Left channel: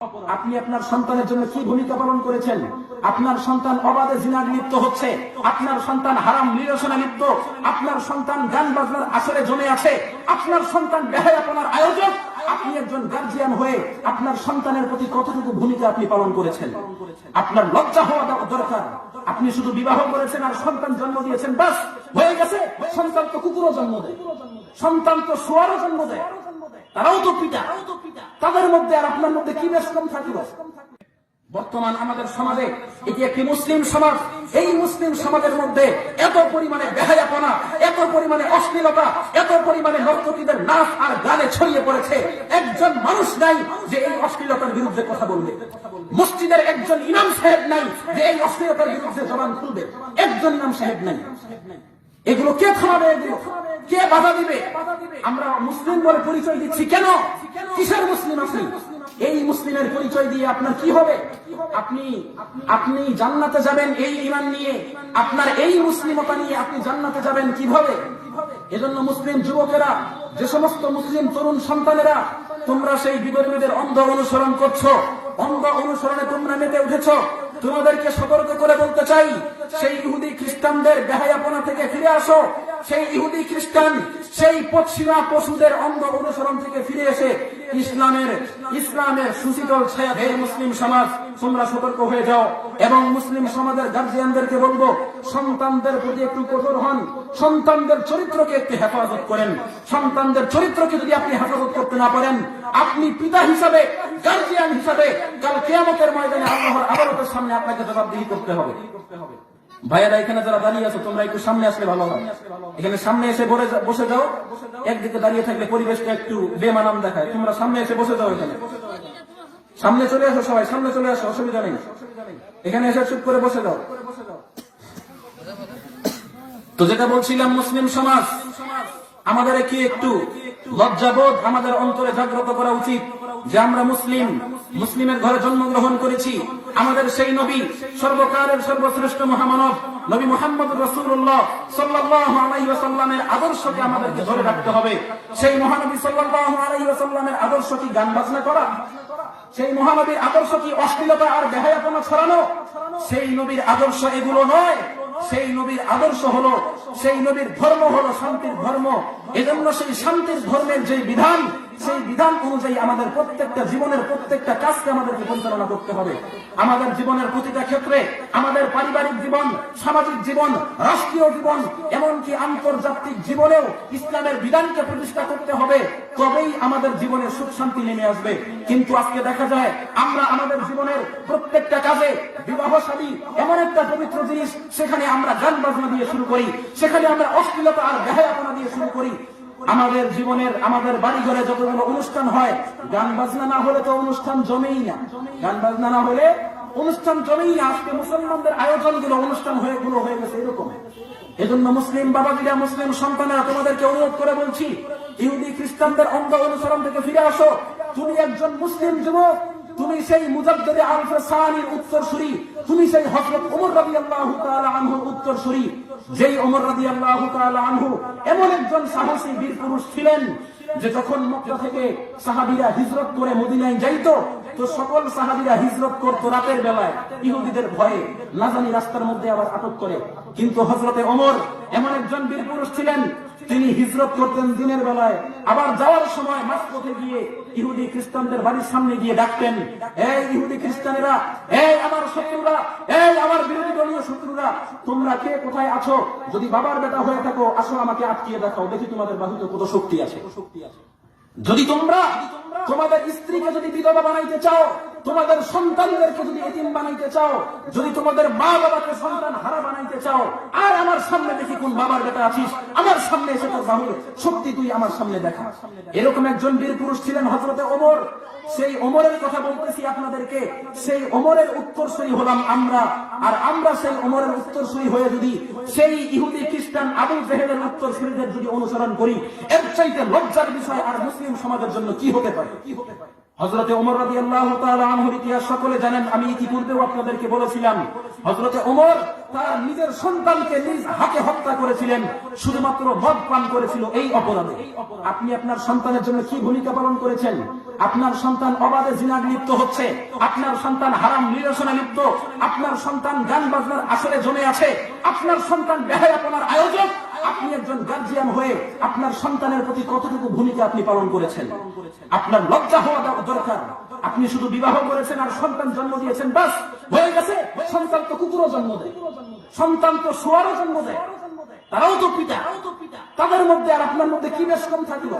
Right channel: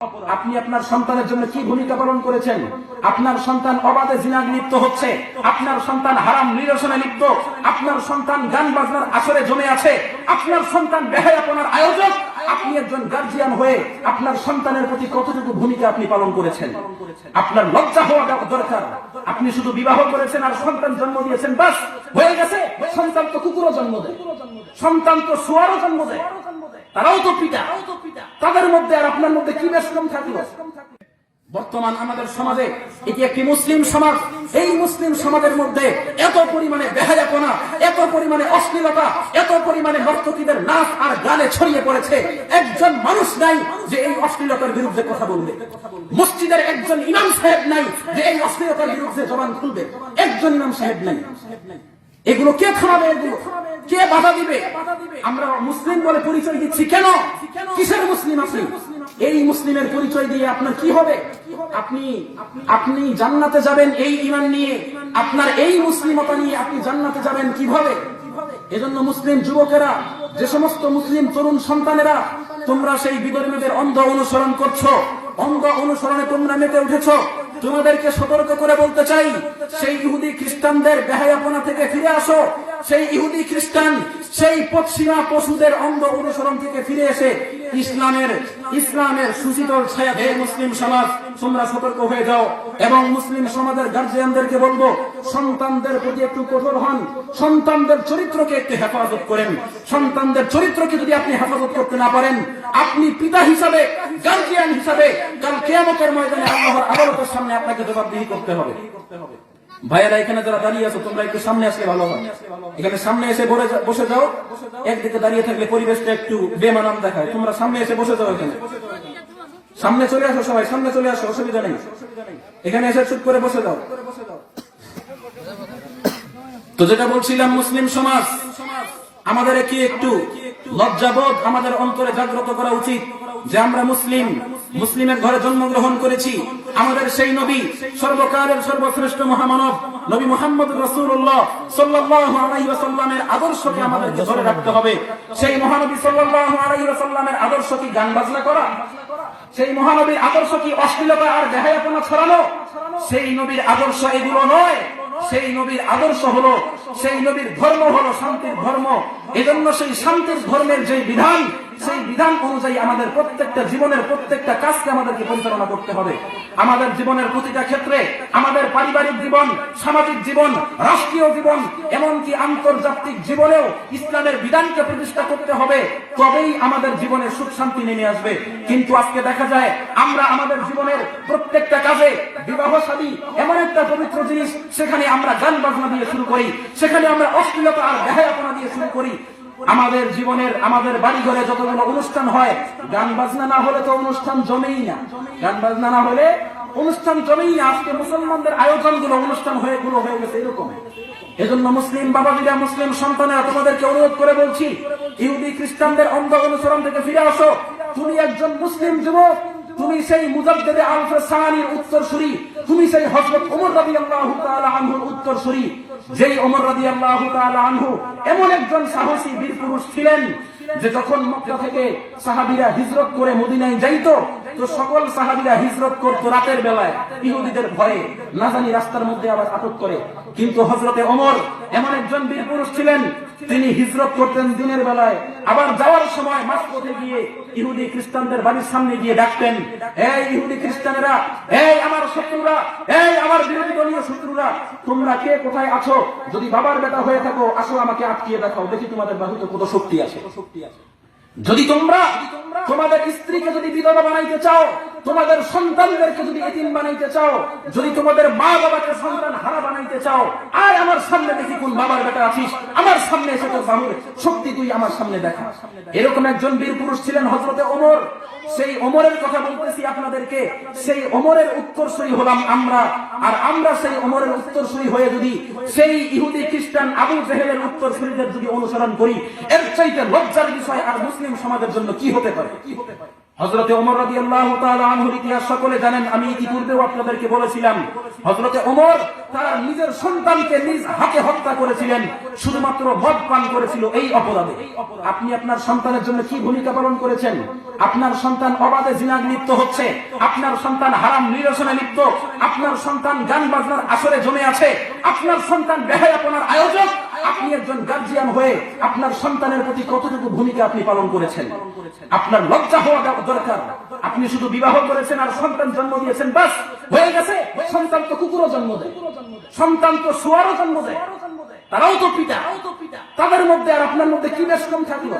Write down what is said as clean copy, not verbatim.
আপনি আপনার সন্তানের জন্য কি ভূমিকা পালন করেছেন? আপনার সন্তান অবাধে জিনায় লিপ্ত হচ্ছে, আপনার সন্তান হারাম নিরসনে লিপ্ত, আপনার সন্তান গান বাজনার আসরে জমে আছে, আপনার সন্তান বেহায়াপনার আয়োজক। আপনি একজন গার্জিয়ান হয়ে আপনার সন্তানের প্রতি কতটুকু ভূমিকা আপনি পালন করেছেন? আপনার লজ্জা হওয়া দরকার। আপনি শুধু বিবাহ করেছেন আর সন্তান জন্ম দিয়েছেন, বাস হয়ে গেছে। সন্তান তো কুকুরও জন্ম দেয়, সন্তান তো শুয়ারও জন্ম দেয়, তারাও তো পিতা। তাদের মধ্যে আর আপনার মধ্যে কি বেশ কম থাকলো? বর্তমান আমাদের সমাজে এটি একটি মুসলিম সমাজ। এই মুসলিম সমাজের মধ্যে এত পরিমাণে বেহায়াপনা, এত পরিমাণে অশ্লীলতা, এত পরিমাণে নর্তকীদের নাচ আর গানে ছড়িয়ে পড়েছে, একজন মানুষ নাই যে এই অশ্লীলতার বিরুদ্ধে কথা বলবে। মসজিদের একজন ইমাম সাহেব নাই যে এই অশ্লীলতার বিরুদ্ধে জবান খুলবে, একজন ইমাম সাহেব নাই। এগুলো কে থামাবে? এগুলো কে বাধা দিবে? আমরা মুসলিম বলে পরিচয় দিচ্ছি কেন? কিসের মুসলিম আপনি? এই মুসলিমের পরিচয় দিয়ে আপনার কি হবে? আপনি জান্নাতে যাবেন এই ঈমান নিয়ে, আপনার এই মুসলিমতা নিয়ে আপনি জান্নাতে যাবেন কিভাবে? এজন্য মুসলিম যুবকেরা, যে সমস্ত মুসলিম তরুণ সন্তানেরা তোমরা সেই বিধর্মীদের অন্ধ অনুসরণ করছো, অন্ধ অনুসরণে তোমরা মেতে উঠেছ, তোমাদেরকে সতর্ক করে বলতে চাই, সেই ইহুদি খ্রিস্টানদের বেহায়াপনা থেকে ফিরে আসো। সেই ইহুদি খ্রিস্টান, সেই পশ্চিমা পশুদের অন্ধ অনুসরণ থেকে ফিরে এসে ইসলামের সুশীতল ছায়া হে মুসলিম সমাজ তোমরা সতর্ক হয়ে যাও। এবং মুসলিম সমাজের গার্জিয়ানদেরকে বলবো, সন্তানদের প্রতি একটু কঠোর হন, সন্তানদের চরিত্রকে একটু হেফাজত করেন। সন্তানদের চরিত্রকে যদি আপনি হেফাজত করতে না পারেন, আপনি পিতা হিসাবে, গার্জিয়ান হিসাবে কাল কিয়ামতের ময়দানে আল্লাহর আদালতের সামনে আপনাকে জবাবদিহি করতে হবে। ভাইয়ারা এখানে যারা দাঁড়িয়ে আছে, তোমরা একটু সামনে আসলে ভালো হয়। এখানে সামনে এসে বসে যাও। একদিকে দাঁড়িয়ে থাকলে পরিবেশটা একটু বেমানান দেখায়। তোমরা সামনে এসে বসে যাও। এখানে সামনে চলে আসো, সবাই সামনে চলে আসো, অসুবিধা নেই। এখানে এসে চুপ করে বসে যাও। তো যেটা বলছিলাম, মুসলিম সমাজ আমাদের কি একটু লজ্জাবোধ আমাদের অন্তরে জাগ্রত করা উচিত যে আমরা মুসলিম, মুসলিমের ঘরে জন্মগ্রহণ করেছি। আমাদের সেই নবী, সর্বকালের সর্বশ্রেষ্ঠ মহামানব নবী মুহাম্মদ রাসূলুল্লাহ সাল্লাল্লাহু আলাইহি ওয়াসাল্লামের আদর্শকে আমাদেরকে ধরে রাখতে হবে। সেই মহানবী সাল্লাল্লাহু আলাইহি ওয়াসাল্লামের আদর্শ কি গান বাজনা করা? সেই মহানবীর আদর্শ কি অশ্লীলতা আর বেহায়াপনা ছড়ানো? সেই নবীর আদর্শ এগুলো নয়। সেই নবীর আদর্শ হলো, সেই নবীর ধর্ম হলো শান্তির ধর্ম। এজন্য সেই শান্তির ধর্মের যে বিধান, সেই বিধান অনুযায়ী আমাদের প্রত্যেকটা জীবনের প্রত্যেকটা কাজকে আমাদেরকে পরিচালনা করতে হবে। আমাদের জীবনের প্রতিটা ক্ষেত্রে, আমাদের পারিবারিক জীবন, সামাজিক জীবন, রাষ্ট্রীয় জীবন, এমনকি আন্তর্জাতিক জীবনেও ইসলামের বিধানকে প্রতিষ্ঠা করতে হবে। তবেই আমাদের জীবনে সুখ শান্তি নেমে আসবে। কিন্তু আজকে দেখা যায় আমরা আমাদের জীবনের প্রত্যেকটা কাজে, বিবাহ শাদী এমন একটা পবিত্র জিনিস, সেখানে আমরা গান বাজনা দিয়ে শুরু করি, সেখানে আমরা অশ্লীলতা আর বেহায়াপনা দিয়ে শুরু করি। আমাদের জীবনের, আমাদের বাড়ি ঘরে যতগুলো অনুষ্ঠান হয়, গান বাজনা না হলে তো অনুষ্ঠান জমেই না। গান বাজনা না হলে অনুষ্ঠান জমেই না। আজকে মুসলমানদের আয়োজনগুলো অনুষ্ঠান হয়ে গেছে এরকম। এজন্য মুসলিম বাবাজিরা, মুসলিম সন্তানেরা, তোমাদেরকে অনুরোধ করে বলছি, ইহুদি খ্রিস্টানদের অন্ধ অনুসরণ থেকে ফিরে আসো। তুমি একজন মুসলিম যুবক, তুমি সেই মুজাদ্দেদে আলফে সানির উত্তরসূরি, তুমি সেই হযরত ওমর রাদিয়াল্লাহু তাআলা আনহুর উত্তরসূরি। যেই ওমর রাদিয়াল্লাহু তাআলা আনহু এমন একজন সাহসী বীর পুরুষ ছিলেন যে যখন মক্কা থেকে সাহাবীরা হিজরত করে মদিনায় যাইতো, তো সকল সাহাবীরা হিজরত করত রাতের বেলায়, ইহুদিদের ভয়ে, না জানি রাস্তার মধ্যে আবার আপদ করে। কিন্তু হযরতে ওমর এমন একজন বীর পুরুষ ছিলেন, তিনি হিজরত করতেন দিনের বেলায়। আবার যাওয়ার সময় মাঝপথে গিয়ে ইহুদি খ্রিস্টানদের বাড়ির সামনে গিয়ে ডাকতেন, এই ইহুদি খ্রিস্টানেরা, এই আমার শত্রুরা, এই আমার বিরোধী দলীয় শত্রুরা, তোমরা কে কোথায় আছো? যদি বাবার বেটা হয়ে থাকো, আসো আমাকে আটকিয়ে দেখাও, দেখি তোমাদের বাহুতে কত শক্তি আছে। যদি তোমরা তোমাদের স্ত্রীকে যদি বিধবা বানাইতে চাও, তোমাদের সন্তানদেরকে যদি এতিম বানাইতে চাও, যদি তোমাদের মা বাবাকে সন্তান হারা বানাইতে চাও, আর আমার সামনে দেখি কোন বাবার বেটা আছিস, আমার সামনে এসে তোর বাহুর শক্তি তুই আমার সামনে দেখা। এরকম একজন বীর পুরুষ ছিলেন হযরতে ওমর। সেই ওমরের কথা বলতেছি আপনাদেরকে। সেই ওমরের উত্তরসূরি হলাম আমরা। আর আমরা সেই ওমরের উত্তরসূরি হয়ে যদি সেই ইহুদি খ্রিস্টান আবু জেহেলের উত্তরসূরিদের যদি অনুসরণ করি, এর চাইতে লজ্জার বিষয় আর মুসলিম সমাজের জন্য কি হতে পারে? হযরতে ওমর রাদিয়াল্লাহু তাআলা আনহুর ইতিহাস সকলে জানেন। আমি ইতিপূর্বেও আপনাদেরকে বলেছিলাম, হযরতে ওমর তার নিজের সন্তানকে নিজ হাতে হত্যা করেছিলেন, শুধুমাত্র মদ পান করেছিল এই অপরাধে। আপনি আপনার সন্তানের জন্য কি ভূমিকা পালন করেছেন? আপনার সন্তান অবাধে জিনায় লিপ্ত হচ্ছে, আপনার সন্তান হারাম নিরসনে লিপ্ত, আপনার সন্তান গান বাজনার আসরে জমে আছে, আপনার সন্তান বেহায়াপনার আয়োজক। আপনি একজন গার্জিয়ান হয়ে আপনার সন্তানের প্রতি কতটুকু ভূমিকা আপনি পালন করেছেন? আপনার লজ্জা হওয়া দরকার। আপনি শুধু বিবাহ করেছেন আর সন্তান জন্ম দিয়েছেন, বাস হয়ে গেছে। সন্তান তো কুকুরও জন্ম দেয়, সন্তান তো শুয়ারও জন্ম দেয়, তারাও তো পিতা। তাদের মধ্যে আর আপনার মধ্যে কি বেশ কম থাকলো?